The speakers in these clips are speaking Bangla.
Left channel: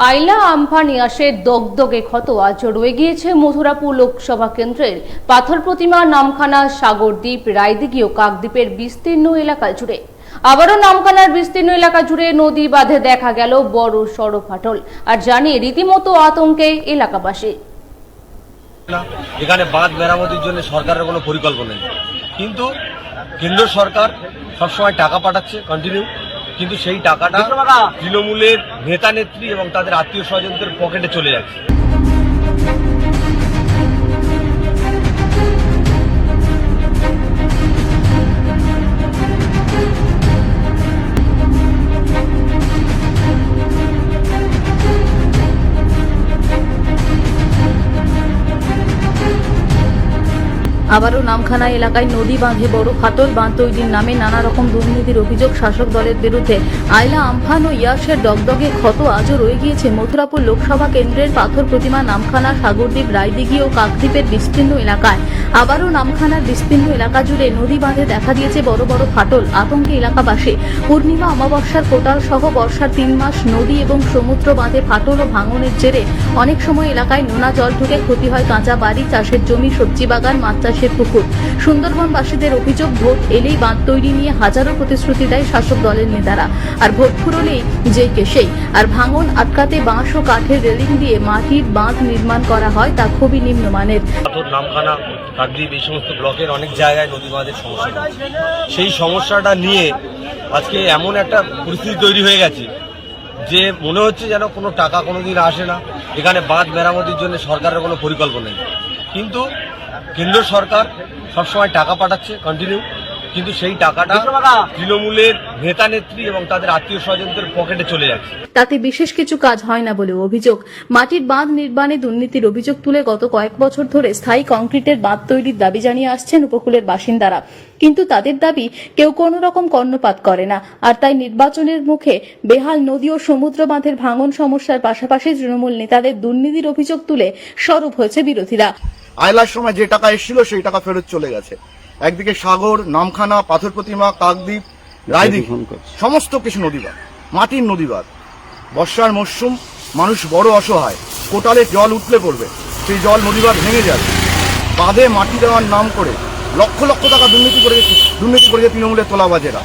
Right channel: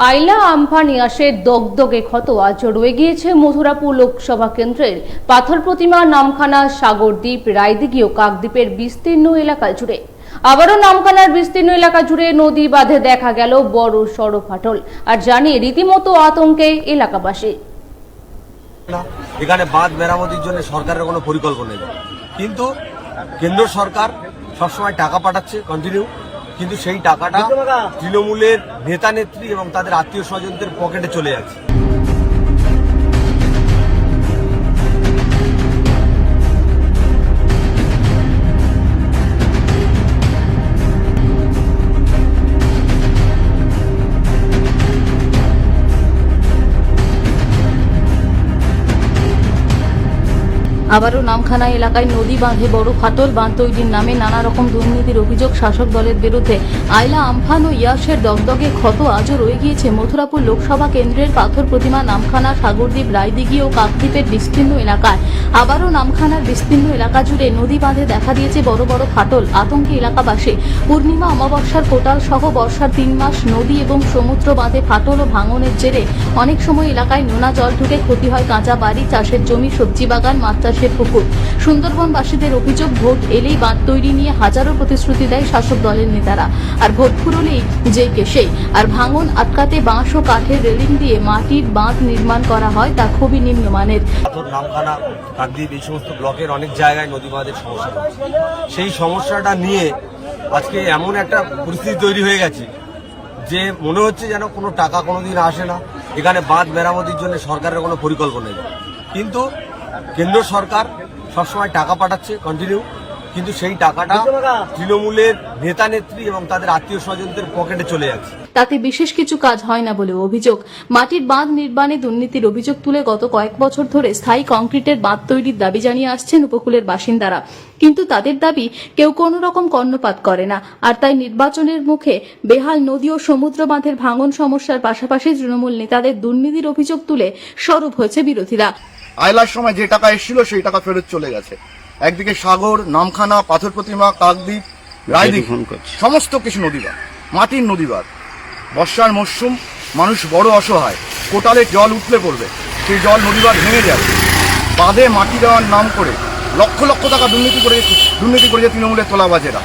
আইলা আমফান ইয়াসের দগদগে ক্ষত আজ রয়ে গিয়েছে মথুরাপুর লোকসভা কেন্দ্রের পাথর প্রতিমা নামখানা সাগরদ্বীপ রায়দিঘি ও কাকদ্বীপের বিস্তীর্ণ এলাকা জুড়ে। আবারও নামখানার বিস্তীর্ণ এলাকা জুড়ে নদী বাঁধে দেখা গেল বড় সড় ফাটল, আর জানিয়ে রীতিমতো আতঙ্কে এলাকাবাসী। এখানে বাঁধ মেরামতির জন্য সরকারের কোনো পরিকল্পনা নেই, কিন্তু কেন্দ্র সরকার সবসময় টাকা পাঠাচ্ছে কন্টিনিউ, কিন্তু সেই টাকাটা তৃণমূলের নেতা নেত্রী এবং তাদের আত্মীয় স্বজনদের পকেটে চলে যাচ্ছে। আবারও নামখানা এলাকায় নদী বাঁধে বড় ফাটল, বাঁধ তৈরির নামে নানা রকম দুর্নীতির অভিযোগ শাসক দলের বিরুদ্ধে। আইলা আমফান ও ইয়াসের দগদগে ক্ষত আজও রয়ে গিয়েছে মথুরাপুর লোকসভা কেন্দ্রের পাথর প্রতিমা নামখানা সাগরদ্বীপ রায়দিঘি ও কাকদ্বীপের বিস্তীর্ণ এলাকায়। আবারও নামখানার বিস্তীর্ণ এলাকা জুড়ে নদী বাঁধে দেখা দিয়েছে বড় বড় ফাটল, আতঙ্কে এলাকাবাসী। পূর্ণিমা অমাবস্যার কোটাল সহ বর্ষার 3 মাস নদী এবং সমুদ্র বাঁধে ফাটল ও ভাঙনের জেরে অনেক সময় এলাকায় নোনা জল ঢুকে ক্ষতি হয় কাঁচা বাড়ি, চাষের জমি, সবজি বাগান, মাছ চাষের পুকুর। সুন্দরবনবাসীদের অভিযোগ, ভোট এলেই বাঁধ তৈরি নিয়ে হাজারো প্রতিশ্রুতি দেয় শাসক দলের নেতারা, আর ভোট ফুরলেই যেই কে সেই। আর ভাঙন আটকাতে বাঁশ ও কাঠের রেলিং দিয়ে মাটির বাঁধ নির্মাণ করা হয়, তা খুবই নিম্নমানের। নামখানা কাকদ্বীপ এই সমস্ত ব্লকের অনেক জায়গায় নদী বাঁধের সমস্যা রয়েছে। সেই সমস্যাটা নিয়ে আজকে এমন একটা পরিস্থিতি তৈরি হয়ে গেছে যে মনে হচ্ছে যেন কোনো টাকা কোনোদিন আসে না। এখানে বাঁধ মেরামতির জন্য সরকারের কোনো পরিকল্পনা নেই, কিন্তু কেন্দ্র সরকার সবসময় টাকা পাঠাচ্ছে কন্টিনিউ, কিন্তু সেই টাকাটা তৃণমূলের নেতা নেত্রী এবং তাদের আত্মীয় স্বজনদের পকেটে চলে যাচ্ছে। তাতে বিশেষ কিছু কাজ হয় না বলেও অভিযোগ। মাটির বাঁধ নির্মাণে দুর্নীতির অভিযোগ তুলে গত কয়েক বছর ধরে স্থায়ী কংক্রিটের বাঁধ তৈরির দাবি জানিয়ে আসছেন উপকূলের বাসিন্দারা, কিন্তু তাদের দাবি কেউ কোনো রকম কর্ণপাত করে না। আর তাই নির্বাচনের মুখে বেহাল নদী ও সমুদ্র বাঁধের ভাঙন সমস্যার পাশাপাশি তৃণমূল নেতাদের দুর্নীতির অভিযোগ তুলে সরব হয়েছে বিরোধীরা। আইলার সময় যে টাকা এসেছিল সেই টাকা ফেরত চলে গেছে। একদিকে সাগর, নামখানা, পাথর প্রতিমা, কাকদ্বীপ, রায়দিঘি সমস্ত কিছু নদীবাঁধ, মাটির নদীবাঁধ। বর্ষার মরশুম, মানুষ বড় অসহায়, কোটালে জল উঠলে পড়বে, সেই জল নদীবাঁধ ভেঙে যাবে। বাঁধে মাটি দেওয়ার নাম করে লক্ষ লক্ষ টাকা দুর্নীতি করেছে তৃণমূলের তোলাবাজেরা।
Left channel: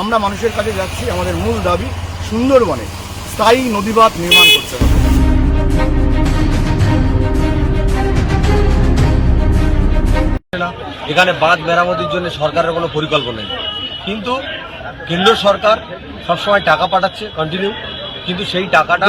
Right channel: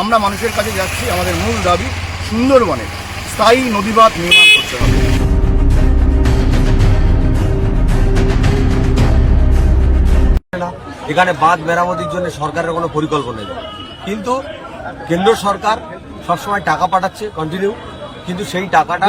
আমরা মানুষের কাছে যাচ্ছি, আমাদের মূল দাবি সুন্দরবনে স্থায়ী নদীবাঁধ নির্মাণ করতে হবে। এখানে বাঁধ মেরামতির জন্য সরকারের কোনো পরিকল্পনা নেই, কিন্তু কেন্দ্র সরকার সবসময় টাকা পাঠাচ্ছে কন্টিনিউ, কিন্তু সেই টাকাটা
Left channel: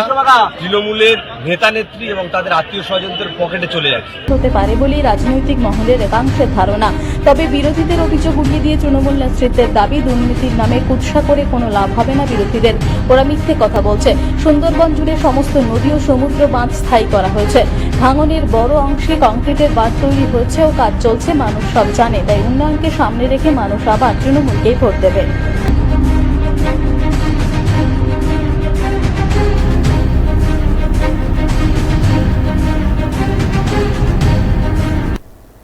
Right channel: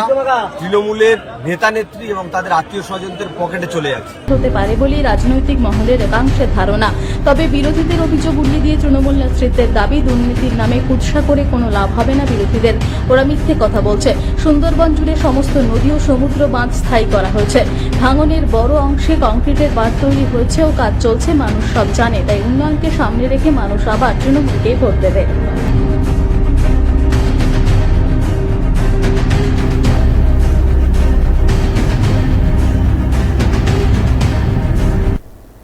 তৃণমূলের নেতা নেত্রী এবং তাদের আত্মীয় স্বজনদের পকেটে চলে যাচ্ছে। হতে পারে বলেই রাজনৈতিক মহলের একাংশের ধারণা। তবে বিরোধীদের অভিযোগ উড়িয়ে দিয়ে তৃণমূল নেতৃত্বের দাবি, দুর্নীতির নামে কুৎসা করে কোনো লাভ হবে না বিরোধীদের। ওরা মিথ্যে কথা বলছে। সুন্দরবন জুড়ে সমস্ত নদী ও সমুদ্র বাঁধ স্থায়ী করা হয়েছে। ভাঙনের বড় অংশে কংক্রিটের বাঁধ তৈরি হয়েছে ও কাজ চলছে, মানুষ সব জানে। তাই উন্নয়নকে সামনে রেখে মানুষ আবার তৃণমূলকেই ভোট দেবে।